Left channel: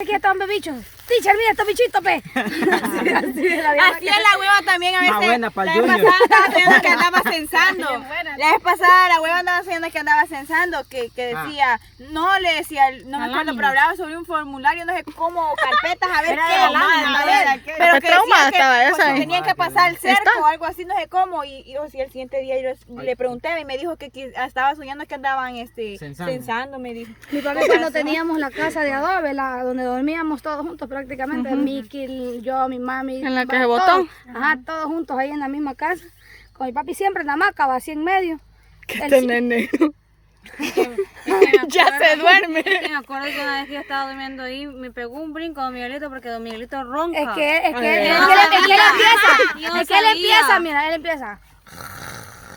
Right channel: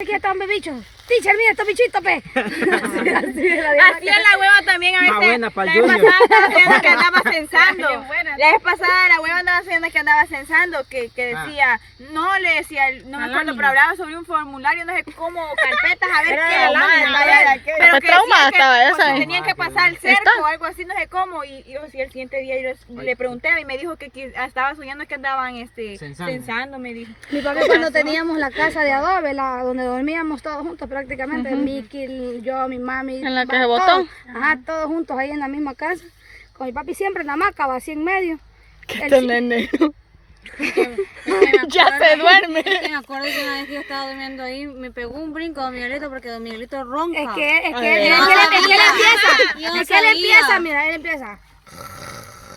Aquí están bebichos. Teacher, mira estos bichitos, pe. Así es la hueva también a veces. Más buena para la el vez Junior. pasada andaba haciendo que andaba censando. La vez pasada la hueva andaba haciendo que andaba censando, que decía, no le decía, no me acuerdo, pero hablaba sobre un formulario, no sé cómo, carpetas, a ver qué. Pero que traumada decía estaba que esa. tenían que pasar el cerco o algo así, no sé cómo. Y el siguiente día yo le pregunté y me dijo que estaba soñando que andaban censando, me dijo. Mi papá cuando teníamos la casa de adobe, donde dormíamos todos juntos prácticamente, Miki, yo, mi mami. En la que se todos, botó. Ajá, todos juntos ahí en la misma casa. Con mi papi siempre en la hamaca, va así en medio. Que este nene. Ya se duerme. Me acuerdo que una vez que yo estaba durmiendo ahí, me pegó un brinco Don Miguelito porque Don Miguelito ronca. Es que él empieza, mira, él empieza.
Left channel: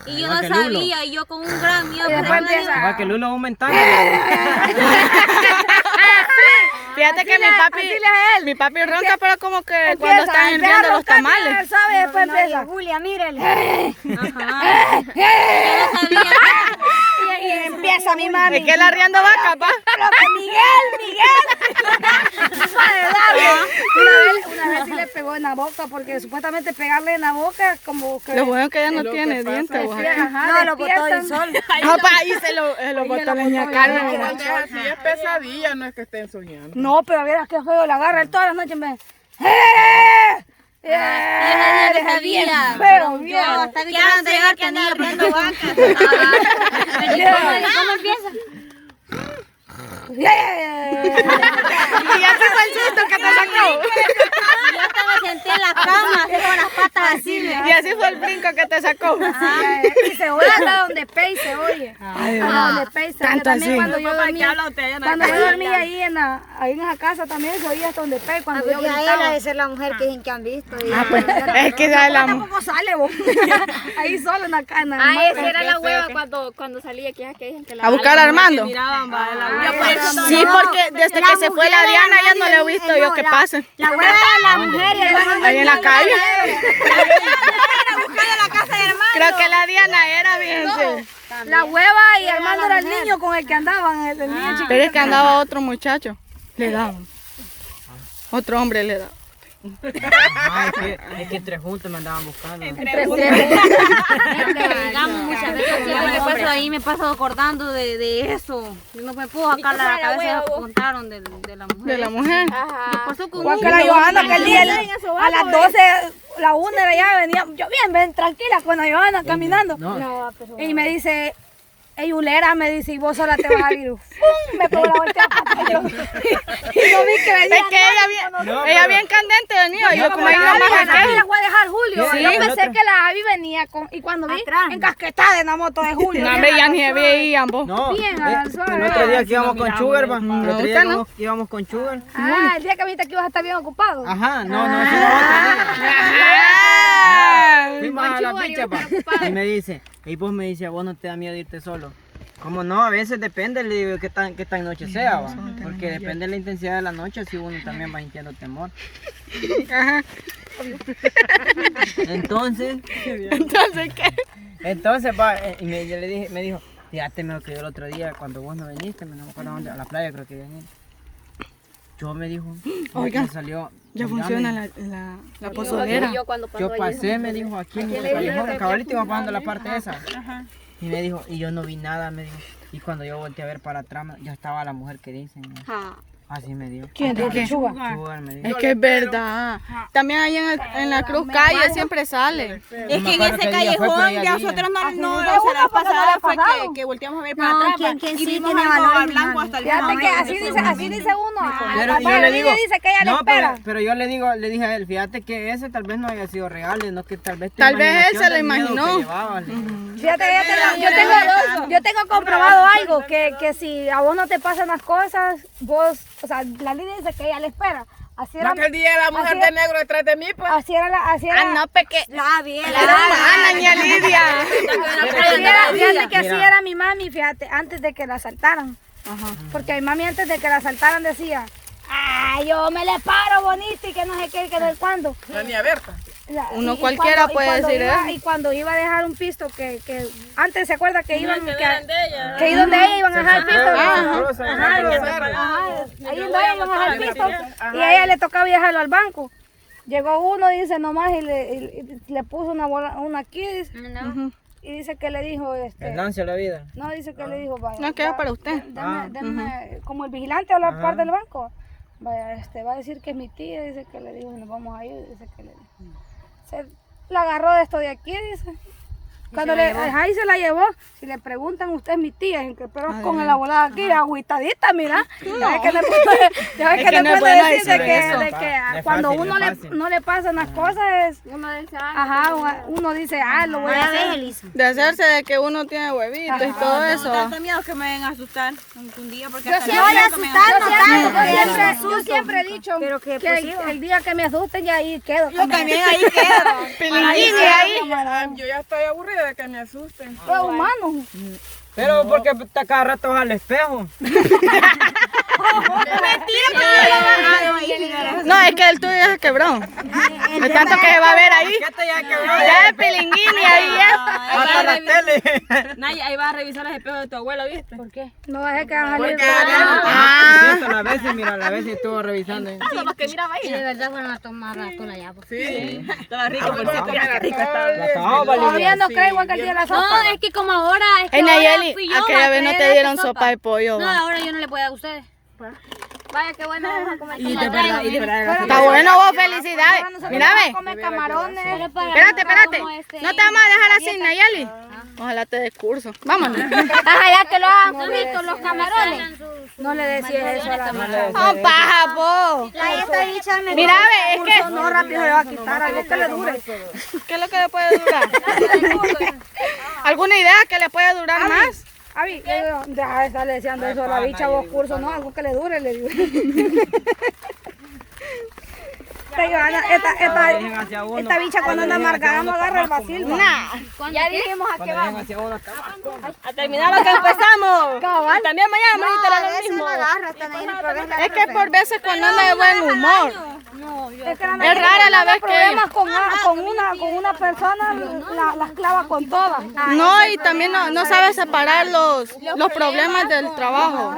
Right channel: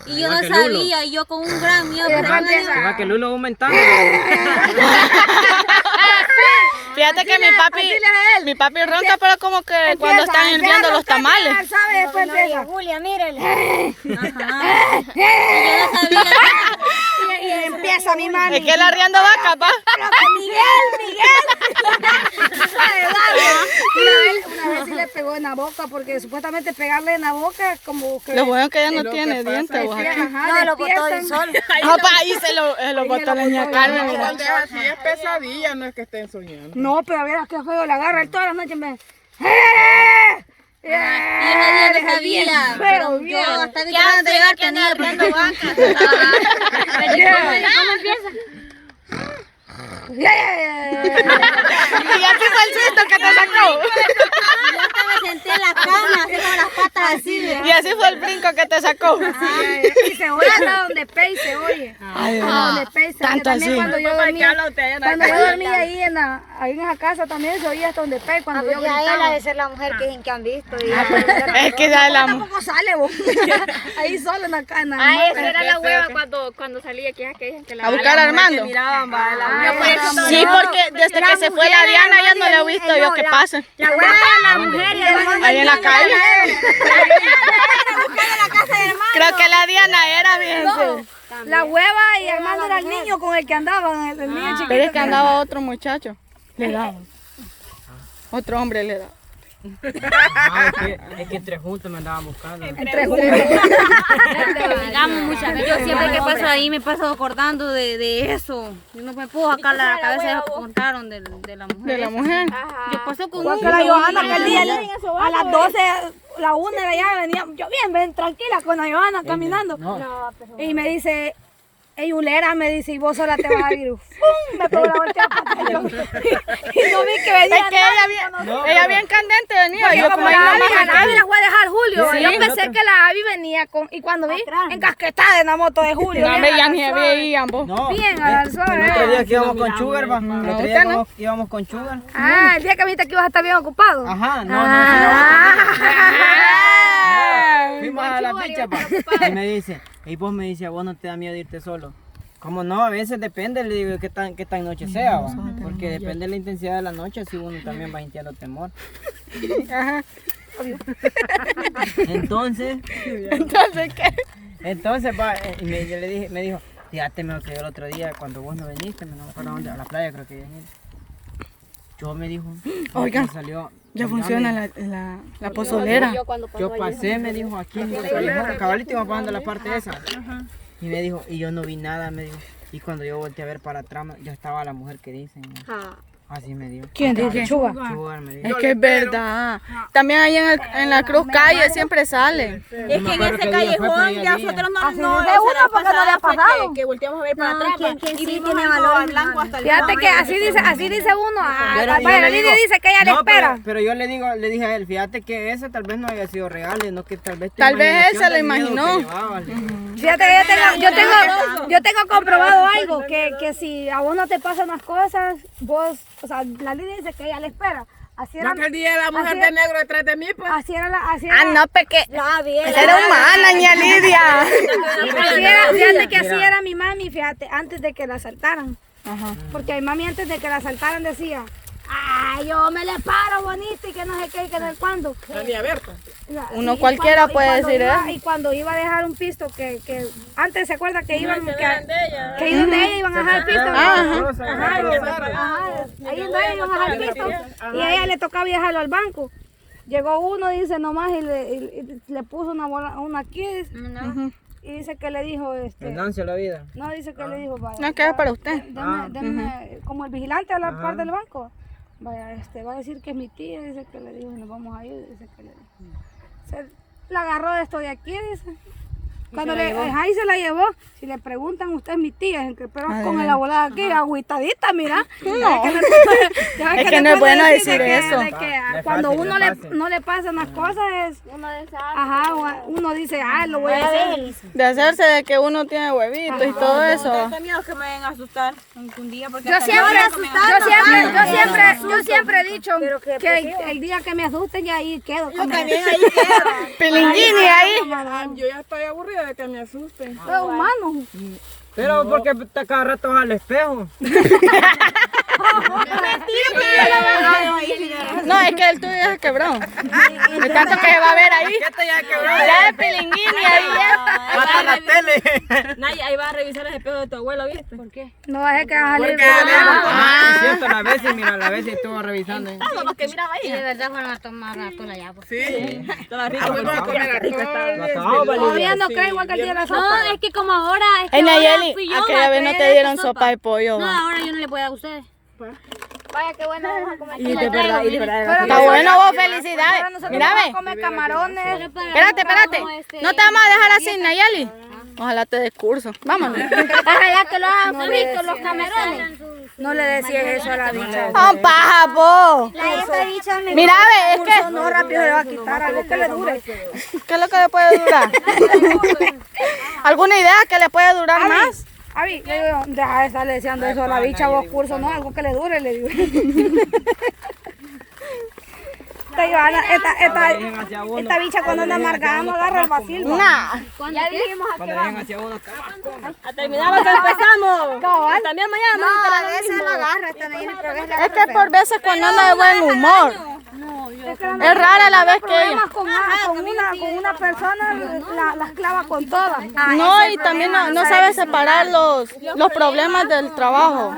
Y yo no sabía, y yo con un gran miedo. Y después empieza. Para que Lulo aumentando. Fíjate que mi papi ronca, pero como que cuando están hirviendo los tamales. ¿Sabes? Después empieza. Julia, mírele. Y empieza mi mami. Es que él arriando vaca, pa. Pero que Miguel. Una vez sí le pegó en la boca, porque supuestamente pegarle en la boca como que... Lo bueno es que ella no tiene dientes. Ajá, No, lo botó del sol. Opa, ahí se lo botó la niña Carmen. Mira. Así es pesadilla, no es que estén soñando. No, pero a ver, qué juego la agarra él todas las noches. Y ese día no sabía. Pero Yo hasta que antes de llegar tenía, porque soy vaca. ¿Cómo empieza? Y así fue el susto que te sacó. Yo hasta me senté en la cama, así con las patas así. Y así fue el brinco que te sacó. Y se oye hasta donde Pei se oye. Hasta donde Pei se oye. Tanto También así. cuando yo dormía ahí en esa casa también se oía hasta donde Pei cuando yo gritaba. Debe ser la mujer que dicen que han visto. Es que ya la ¿Cómo sale vos? Ahí solo en la cana. Esa era la hueva cuando salía, que dicen que la a buscar a Armando. Miraban, va, de la hueva. Sí, porque desde que se fue la Diana ya no le he visto yo que pasa. La hueva de la mujer y el Ahí en la calle. Creo que la Diana era, fíjense. La hueva y Armando era el niño con el que andaban, el niño chiquito. Pero es que andaba otro muchacho. Le daban. Otro hombre le daba. Es que entre juntos me andaban buscando. Digamos, muchas veces siempre que paso ahí me paso acordando de eso. Yo no me puedo sacar la cabeza de lo que contaron de la mujer. De la mujer. ¿Qué pasó con Igual que la Johanna, que el día a las 12, la 1 de allá venía, yo bien tranquila con la Johanna caminando. Y me dice, ey, Ulera, me dice, y vos sola te vas a ir. ¡Fum! Me pegó la volteada y no vi que venía. Es que ella bien candente venía. Yo como ahí nomás la aquel. voy a dejar Julio. Sí. Yo pensé que la Abby venía y cuando vi, encasquetada en la moto de Julio. No, me ya ni veían vos. No, Bien, avanzada. el otro día que íbamos con Sugar, va. El otro día íbamos con Sugar. Ah, el día que viste que ibas a estar bien ocupado. Ajá, no, fue la otra. Fuimos a la picha, pa. Y me dice, y vos me dice, a vos no te da miedo irte solo. Como no, a veces depende, le digo, qué tan noche sea, va. Porque depende de la intensidad de la noche, si uno también va sintiendo temor. Entonces, ¿Qué? entonces, pa, y yo le dije, me dijo, fíjate, me que yo el otro día, cuando vos no viniste, no me acuerdo a dónde, a la playa creo que veniste. Yo me dijo, Oigan, me salió, ya funciona la pozolera. Yo pasé, me dijo, aquí en este callejón, cabalito iba pasando la parte esa. Y me dijo, y yo no vi nada, me dijo. Y cuando yo volteé a ver para atrás, ya estaba la mujer que dicen. Así me dijo. ¿Quién dijo qué? Sugar me dijo. Es que es verdad. También ahí en la Cruz Calle siempre sale. Es que en ese callejón ya nosotros no la pasada fue que volteamos a ver para atrás y vimos al blanco hasta el Fíjate que así dice uno. Pero yo Papá, le a mí digo, le dice que ella le no, espera. pero yo le dije a él, fíjate que ese tal vez no haya sido real, no que tal vez Él se lo imaginó. Fíjate que yo tengo comprobado algo, que si a vos no te pasan las cosas, vos, o sea, la línea dice que ella le espera. Así era. No que el día de la mujer de negro detrás de mí, pues. Así era. No, peque. Bien. Era humana, ña Lidia. Fíjate que así era mi mami, fíjate, antes de que la asaltaran. Porque mi mami antes de que la asaltaran decía, Ay, yo me le paro bonito y que no sé qué, que no sé cuándo. Ni a ver. Ya, Uno y cualquiera cuando- y puede cuando decir iba- eso. Y cuando iba a dejar un pisto, que antes se acuerda que iban, que ahí donde ella iban a dejar el pisto. Ajá, ahí donde ella iban a dejar el pisto. Y a ella le tocaba dejarlo al banco. Llegó uno, dice nomás, y le puso una aquí, dice. Y dice que le dijo, Perdónse la vida. no, dice que le dijo, vaya. No, que es para usted. Deme, como el vigilante a la parte del banco. Vaya, va a decir que es mi tía, dice que le dijo, nos vamos a ir, dice que le dijo. Se la agarró de esto de aquí, dice. Cuando ahí se la llevó, si le preguntan, usted es mi tía, pero con la volada aquí, agüitadita, mira. Ya ves que no puede decir de que cuando uno no le pasan las cosas, uno dice, lo voy a hacer. De hacerse de que uno tiene huevitos y todo eso. Tengo miedo que me vengan a asustar un día porque Yo siempre he dicho que el día que me asusten ya ahí quedo. yo también ahí quedo. Pilinguini ahí. Yo ya estoy aburrida de que me asusten. Es humano. Pero porque está cada rato al espejo. No, es que el tuyo ya se quebró. De tanto que se va a ver ahí. Ya es pilinguini ahí ya. Hasta la tele. Ahí va a revisar los espejos de tu abuelo, ¿viste? ¿Por qué? No dejé que haga salir. Es cierto, las veces, mira, las veces estuvo revisando. Los que miraba ahí. De verdad fueron a tomar rato la llave. Sí. Estaba rico. Todavía no creo igual que el día de la No, sopa. es que como ahora. Es que Hey, ahora Nayeli, fui yo, aquella vez no que te de dieron esa sopa de pollo. No, va. ahora yo no le puedo dar a ustedes. Vaya, qué bueno. Aquí la traigo. Está bueno vos, felicidades. Mira, ve. Come camarones. Espérate. No te vamos a dejar así, Nayeli. Ojalá te dé curso. Vámonos. Ya que lo hagan fritos los camarones. No le decía eso a la bicha. ¡Oh, paja, vos! Esa bicha me Mira, ve, es que... no rápido le va a quitar algo que le dure. ¿Qué es lo que le puede durar? ¿Alguna idea que le puede durar más? Avi, le digo, deja de estarle diciendo eso a la bicha, vos curso, no, algo que le dure, le digo. Te digo, Ana, esta bicha cuando anda amargada no agarra el vacil. Ya dijimos a qué Cuando vamos. llegan hacia uno, A terminar lo que empezamos. Cabal. También mañana vamos a la Es que por veces cuando anda de buen humor. Es rara la vez que ella. Con una persona las clava con todas. No, y también no sabe separar los problemas del trabajo.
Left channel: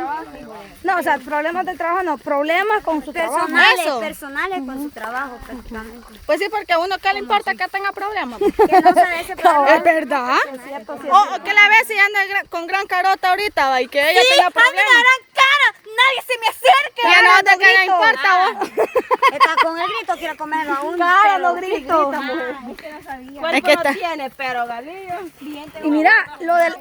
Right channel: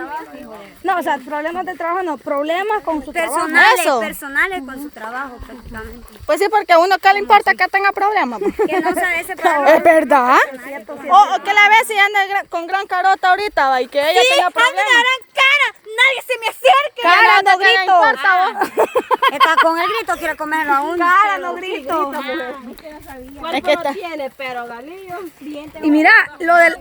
No, o sea, problemas de trabajo no, problemas con su trabajo. Eso. Personales con su trabajo, prácticamente. Pues sí, porque a uno que le importa que tenga problemas. Que no sabe ese problema. ¿Es verdad? O que la ves y anda con gran carota ahorita, va, y que ella tenga problemas. cara! ¡Nadie se me acerque! Ya no te le importa, vos. Está con el grito, quiere comerlo aún. Cara, no grito. Es que está. tiene, pero Galillo. Y mira, lo del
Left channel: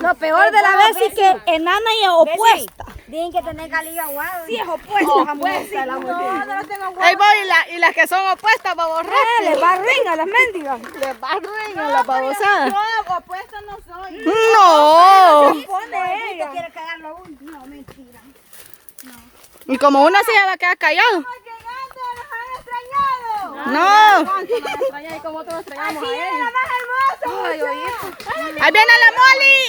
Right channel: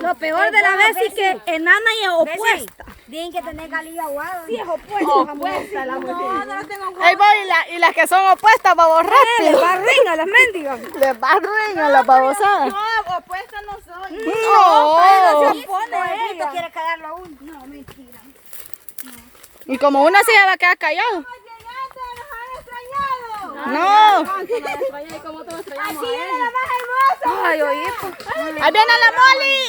lo peor de la vez es que enana y opuesta. Tienen que tener galillo aguado. Sí, es opuesta la mujer. No tengo Ahí voy, y las que son opuestas, baborras. Les va a ring a las mendigas. Les va ruin a la babosadas. Yo opuesta no soy. No. Pone ella. Quiere cagarlo aún. No, mentira. Y como una se va a quedar callado. No. Así era la más hermosa. Ay, oye. Ahí viene la Molly.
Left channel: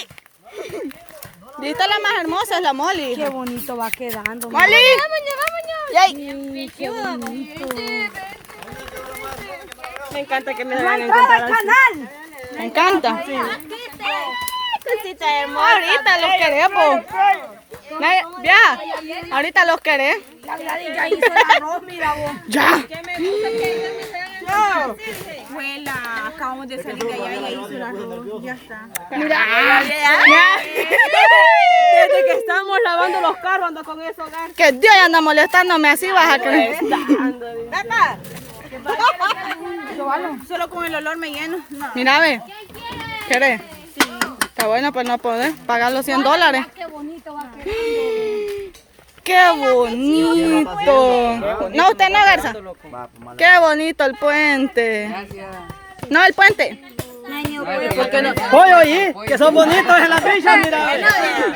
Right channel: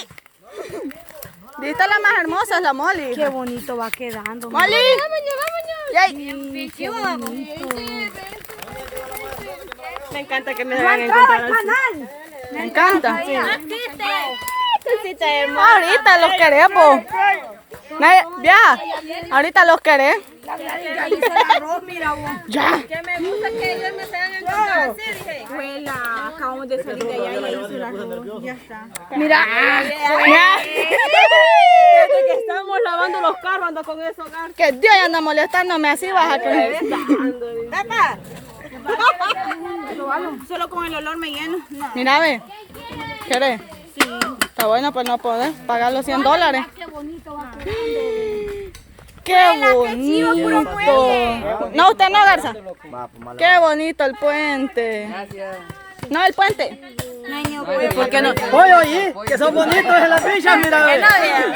Dijiste la más hermosa, es la Molly. Qué bonito va quedando. Molly. Me encanta que me hagan Entrada encontrar al así. canal. Me encanta. Ahorita los queremos. Ya. Ahorita los querés. Ya hizo el arroz, mira vos. Ya. Abuela, acabamos de salir de allá y hizo el arroz. Ya está. Ya. Desde que estamos lavando los carros ando con eso, hogar. Que Dios anda molestándome así, vas a creer. Pepa. Solo con el olor me lleno. No. Mira, ve. ¿Querés? Está bueno, pues no podés pagar los $100. Qué bonito va quedando. ¡Qué bonito! No, usted no, Garza. ¡Qué bonito el puente! No, el puente. ¿Por qué no? Oye, que son bonitos en las bichas, mira.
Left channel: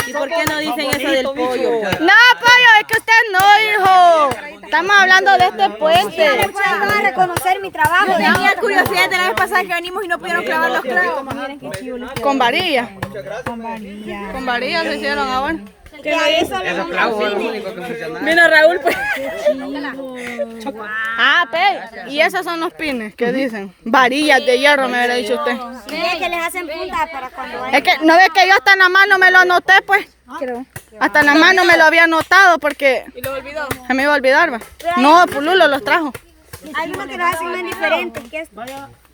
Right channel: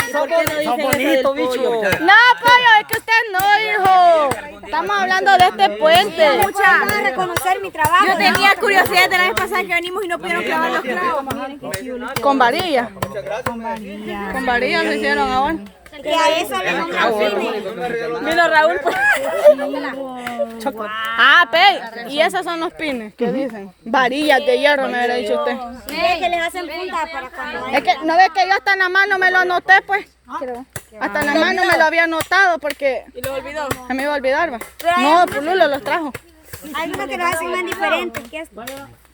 ¿Y por qué no dicen eso del pollo? No, pollo, es que usted no, hijo. Estamos hablando de este puente. Muchas van a reconocer mi trabajo. Tenía curiosidad de la vez pasada que venimos y no pudieron clavar los clavos. Con varilla. Con varilla lo hicieron ahora. Que a eso le Vino Raúl, pues. Ah, pe, y esos son los pines, ¿qué dicen? Varillas de hierro, me hubiera dicho usted. Mira que les hacen punta para cuando Es que no ve que yo hasta en la mano me lo anoté, pues. Hasta en la mano me lo había anotado porque Y lo olvidó. se me iba a olvidar, va. No, Pululo los trajo. hay unos que los hacen más diferentes que esto.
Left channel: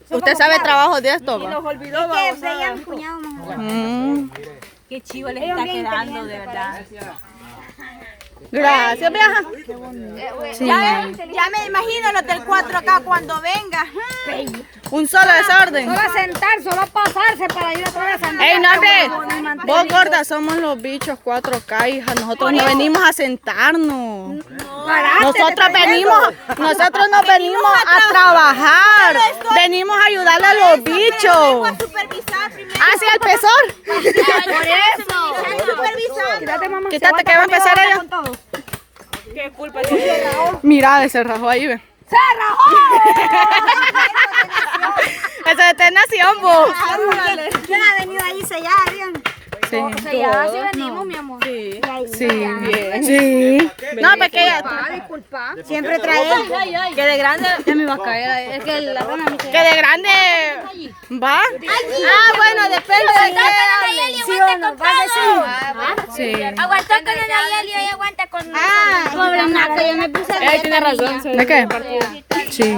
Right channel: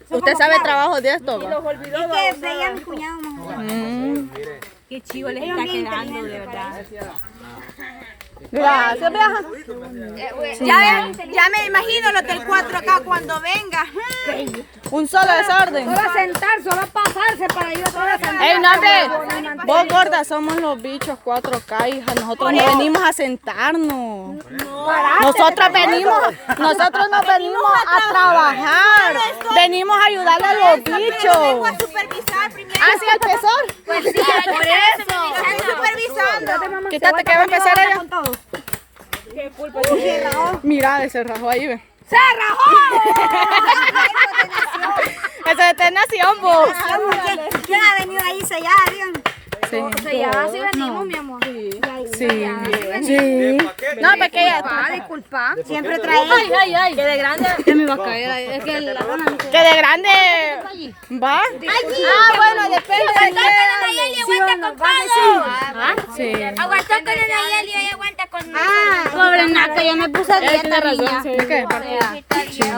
Usted sabe trabajo de esto, va. Es que veía a mi cuñado más. Qué chivo les Ellos está bien quedando, de inteligentes verdad. Gracias, vieja. Ya me imagino los del 4K cuando venga. Un solo desorden. No va a sentarse, va a pasarse para ir a traer la sandía. Ey, Norbe, vos gorda, somos los bichos 4K, hija. Nosotros no venimos a sentarnos. Nosotros nos venimos a trabajar. Venimos a ayudarle a los bichos. A supervisar primero. Ah, sí, el pesor. Por eso. Están supervisando. Quítate que va a empezar ella. ¿Qué culpa? Mira, ese rajó ahí, ve. ¡Se rajó! Eso es de nación, vos. ¿Quién ha venido ahí sellada, bien? Sí. O sea, ya sí venimos, mi amor. Sí. Sí. No, porque ella. Disculpa. Siempre trae. Que de grande ya me iba a caer. Es que la rana me Que de grande. ¿Va? Ah, bueno, depende. Sí. Aguantó con el Nayeli y hoy aguanta con nosotros. Pobre naca, yo me puse a Él tiene razón. ¿De qué? Sí.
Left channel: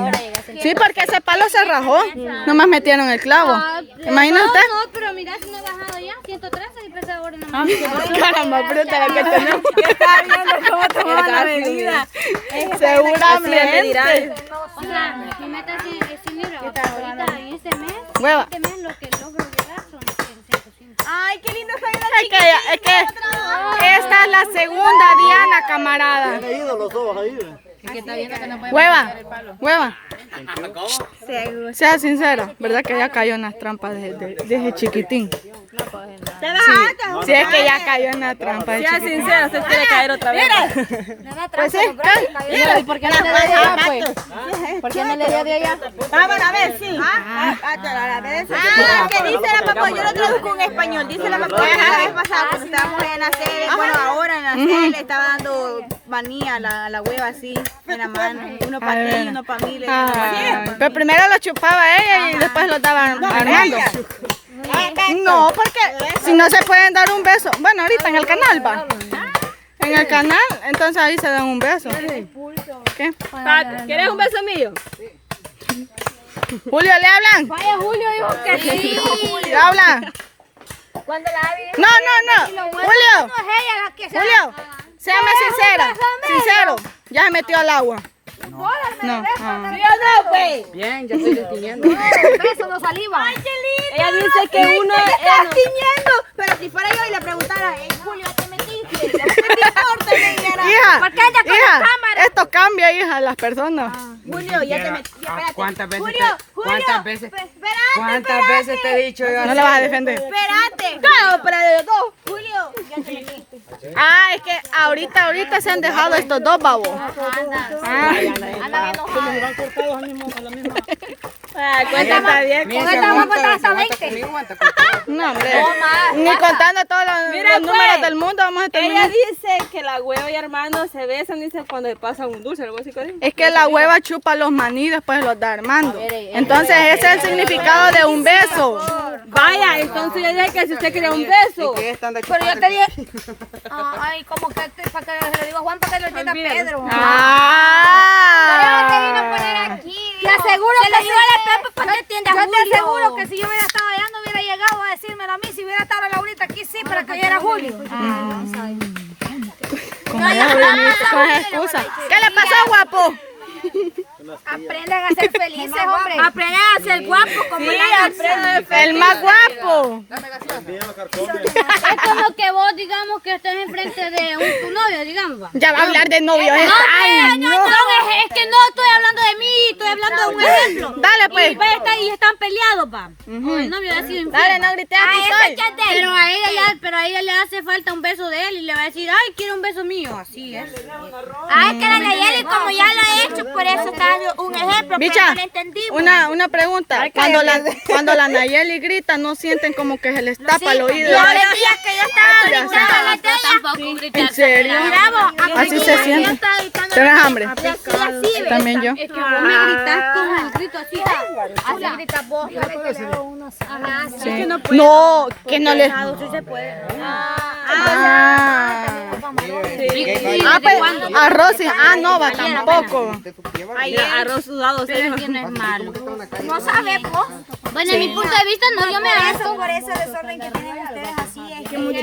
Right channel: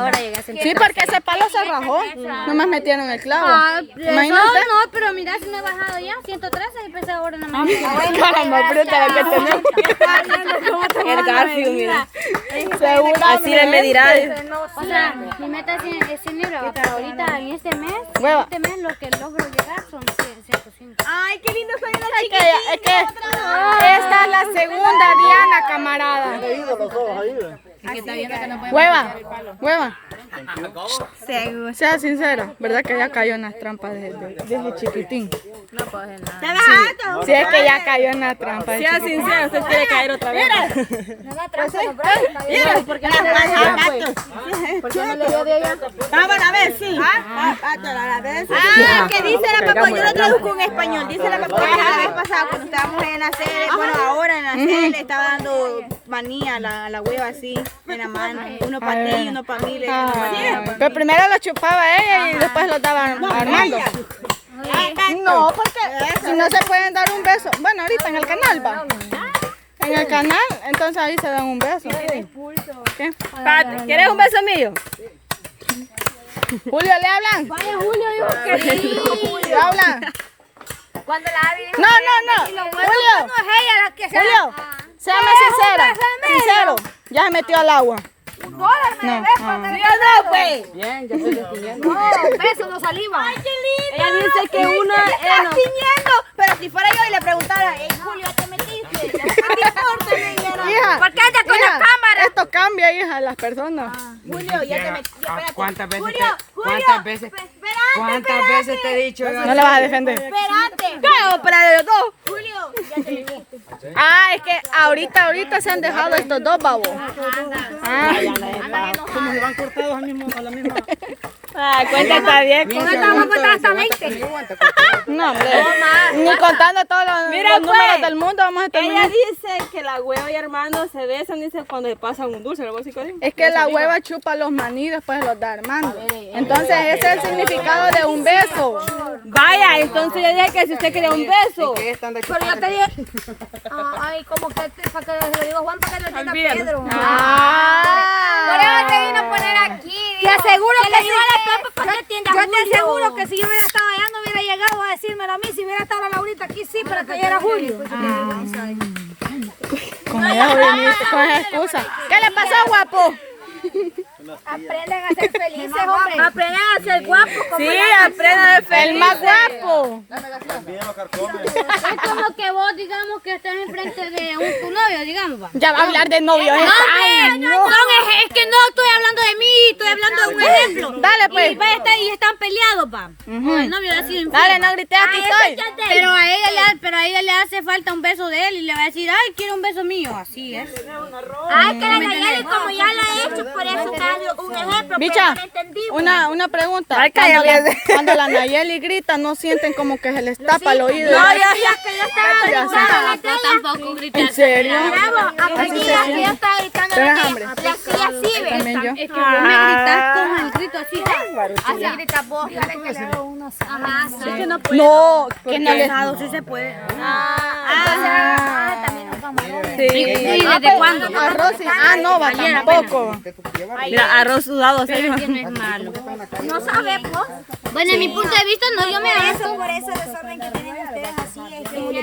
Sí, porque ese palo se rajó. Nomás metieron el clavo. Imagínate. No, pero mira, si me he bajado ya, 113 y pesa ahora nomás. Caramba, bruta la que tenemos. Seguramente. O sea, mi meta es dinero. Ahorita en este mes Hueva. lo que logro llegar son 105. Ay, qué lindo soy la Es que esta es la segunda Diana, camarada. Hueva. Sea sincera, ¿verdad que ella cayó en las trampas desde chiquitín? Sí, es que ya cayó en la trampa de chiquitín. Sincera, usted quiere caer otra vez. Pues sí. ¿Por qué no le dio de allá? Vamos a ver, sí. ¿Qué dice la papá? Yo lo traduzco en español. Dice la papá que la vez pasada cuando estábamos en la sede, bueno, ahora en la sede le estaba dando manía a la hueva así, en la mano. Uno para ti y uno para mí. Pero primero lo chupaba ella y después lo daba Armando. No, porque si no se pueden dar un beso. Bueno, ahorita en el canal va. En el canal, entonces ahí se dan un beso. ¿Qué? ¿Quieres un beso mío? Julio, ¿le hablan? Vaya, Julio, dijo que sí. ¿Le hablan? Cuando la Abby dijo No. Julio, no es ella la que se Julio, séame sincera. Sincero, ya se metió al agua. No. Bien, ya estoy distinguiendo. beso, no saliva. Ella dice que uno está tiñendo, pero si fuera yo y le preguntara, Julio, ¿ya te metiste? ¿Ya te metiste? Hija, ¿Por qué anda con la cámara? esto cambia, hija, las personas. Julio, ya te metiste. ¿Cuántas veces Julio, ¿Cuántas veces te he dicho yo? No le vas a defender. Espérate. No, pero los dos. Julio, ya te metiste. Ah, es que ahorita se han dejado estos dos babos. Cuenta está bien. Vamos a contar hasta 20. No, hombre. Ni contando todos los números del mundo vamos a Ella terminar. dice que la hueva y Armando se besan, dice cuando se pasan un dulce, algo así. Es que la hueva chupa los maní y después los da Armando. Entonces ese es el significado de un beso. Vaya, entonces le dije que si usted quería un beso. Pero yo te dije, ay, como que para que le digo a Juan para que lo entienda Pedro. Por eso te vino a poner aquí. Te aseguro que yo te aseguro que si yo hubiera estado allá no hubiera llegado a decírmelo a mí. Si hubiera estado Laurita aquí sí, pero que yo era Julio. Con esa excusa. ¿Qué le pasó, guapo? Aprendan a ser felices, hombre. Aprendan a ser guapos como aprendan a El más guapo. Es como que vos, digamos, que estés enfrente de tu novio, digamos, va. Ya va a hablar de novio. Ay, no. Es que no estoy hablando de mí, estoy hablando de un ejemplo. Dale, pues. Y están peleados, pa. El novio va a decir, Dale, no grites, aquí estoy. pero a ella le hace falta un beso de él y le va a decir, ay, quiero un beso mío. Así es. Ay, que la Nayeli como ya lo ha hecho, por eso está un ejemplo, Bicha, pero no entendimos. una pregunta. Cuando la Nayeli grita, ¿no sienten como que se les tapa el oído? Yo decía que yo estaba gritando. Yo tampoco grité. ¿En serio? Bravo, Así se siente. ¿Tienes hambre? así, ¿ves? También yo. Es que vos me gritás con el grito así. Así gritas vos. Ajá, sí. No, que no le... Sí se puede. ¿Desde cuándo? Arroz y... no, va tampoco. Mira, arroz sudado, ¿sabes que no es malo? No sabes vos. Bueno, en mi punto de vista, no, yo me Por ese desorden que tienen ustedes así, es que mucho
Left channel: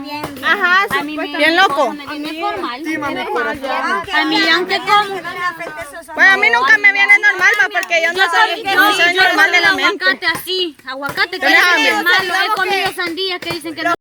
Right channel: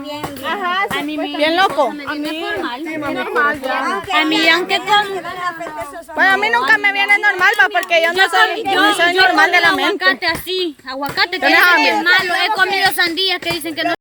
bien. Ajá, A mí me... Bien loco. A mí me es formal. A mí, aunque como. Pues a mí nunca me viene normal, va, porque yo no soy normal de la mente. Aguacate así, aguacate que ¿Tenés dicen que hambre? es malo. He comido sandías que dicen que no.